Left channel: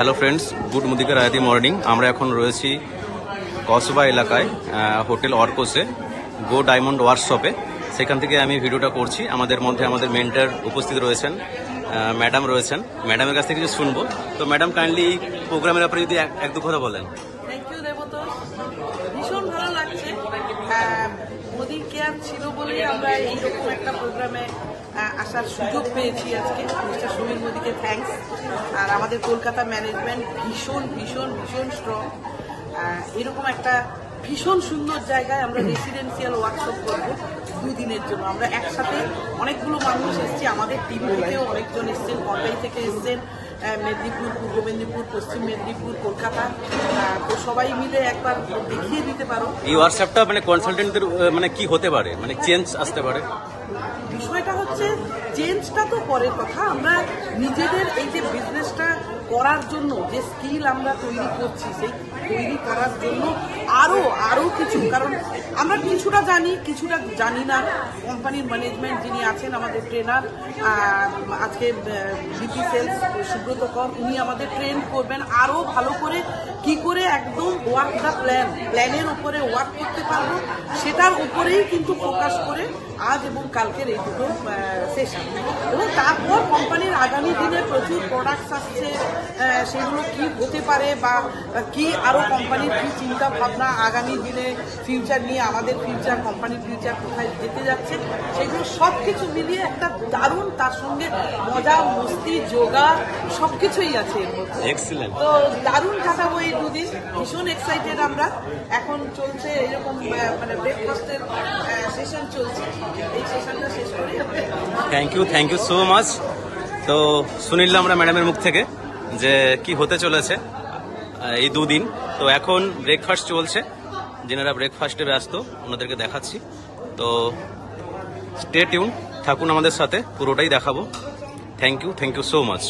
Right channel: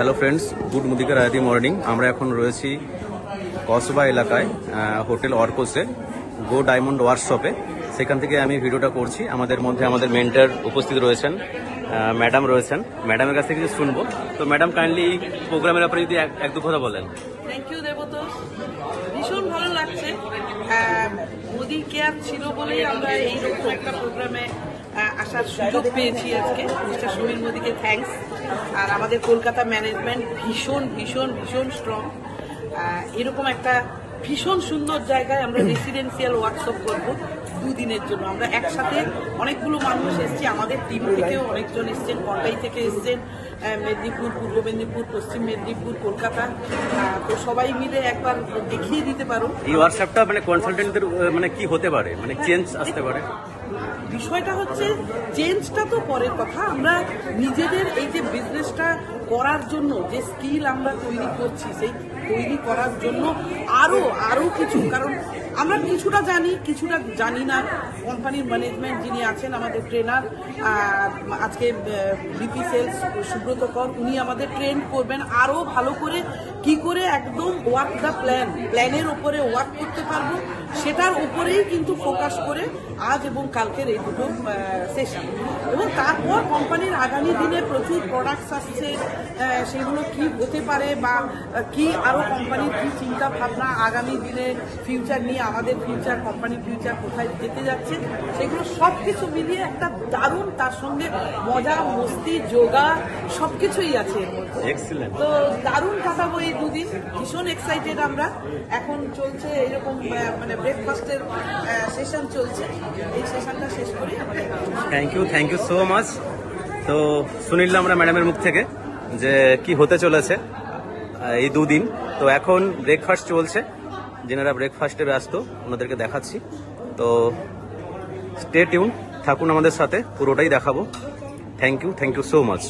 Hello friends, good মুদিকা রায়াতি morning. আমরা এখন রয়েছি কসবা এলাকায় হোটেল অর্কোসে গো ডায়মন্ড ওয়ার্কশপে। সেখান থেকে আমি ভিডিওটা করছি। আমাদের মধ্যে আমাদের মেন্টর উপস্থিত রয়েছেন, ম্যাডাম রয়েছেন। ম্যাডামের কাছ থেকে কিছু শুনবো। তো ম্যাডাম কাইন্ডলি এই প্রোগ্রামের ব্যাপারে যদি এক দু কথা বলেন। থ্যাংক ইউ দেবতোষ, ভীষণ ভালো লাগছে। মোদি কেয়ার ছিল বলেই আমরা এইরকম একটা প্রোগ্রামে আসার সুযোগ পেয়েছি আজকে। মিস্টার সমীর মোদিকে থ্যাঙ্কস। আর আমাদের কলকাতা ম্যানেজমেন্ট ভীষণ ভীষণ ভীষণ স্ট্রং। এরকম একটা ভীষণ সুন্দর জায়গায় আমরা রেসিডেন্সিয়াল ওয়ার্কশপ করব 2 দিনের জন্য। আমরা একসাথে অনেকগুলো মানুষ এসেছি, আমাদের টিম থেকেও অনেকজন এসছেন, কন্টাই থেকে এসছেন, মেদিনীপুর, পূর্ব মেদিনীপুর, পশ্চিম মেদিনীপুর, কলকাতা। তো সবাই মিলে একবার দেখিয়ে দিতে পারো এই ওয়ার্কশপটা মানে কনসালটেন্টদের মানে কি হতে পারে, মানে চেঞ্জ আসতে পারে। বিষয়টা হচ্ছে চেঞ্জটা তো পরের কথা, আমরা নিজেদের এই যে বিজনেসটা করার জন্য যে স্কিল আমরা তৈরি করছি, সেই তৈরি করার জন্য আরো কিছু, কারণ আমরা কিছুটা জানি কিছুটা জানি না। কোম্পানির ম্যানেজমেন্ট যিনি আছেন, আমাদের ট্রেনার আজকে বিপি সেলস সুব্রত কর, উনি আমাদের ট্রেন করবেন আরো ভালো করে, কি করে একদম ওয়ার্ক দ্য প্ল্যানের উপরে ওয়ার্ক করতে পারবো, সেটার উপরেই কিন্তু ফোকাস করে আজ এবং কালকের এই দুটো সেশন। এবং তারপর কোম্পানির আগামী দিনে প্রচুর প্রোডাক্টস আসছে, সেগুলো কি হতে পারে বা কি আরো কোম্পানির কি চিন্তা ভাবনা আগামী দিনে ফিউচার নিয়ে, আমাদের ফিউচার, কোম্পানির ফিউচার কোথায় যেতে যাচ্ছে, সেগুলো সব কিছু মিলিয়ে একটা দারুণ, তার সঙ্গে মজা মস্তি যোগা সবকিছুই আছে এর মধ্যে। এক্সিলেন্ট। তো দারুণ কাটাবো এই 2 দিন, ভীষণ এক্সাইটেড আমরা। এখন চলছে এরকম মানে ব্রেকফাস্টের সেশন চলছে, এই সেশনটা শেষ করেই আমাদের। Thank you so much. তো শুনিলাম আমরা ম্যাডামের মুখ থেকে যে কি হতে চলেছে এই 2 দিন। তো এখন ব্রেকফাস্ট চলছে, যেনারা ব্রেকফাস্টে ব্যস্ত ওনাদেরকে দেখাচ্ছি। তো স্টে টিউন থাকুন আমাদের সাথে, পুরোটাই দেখাবো। Thank you so much.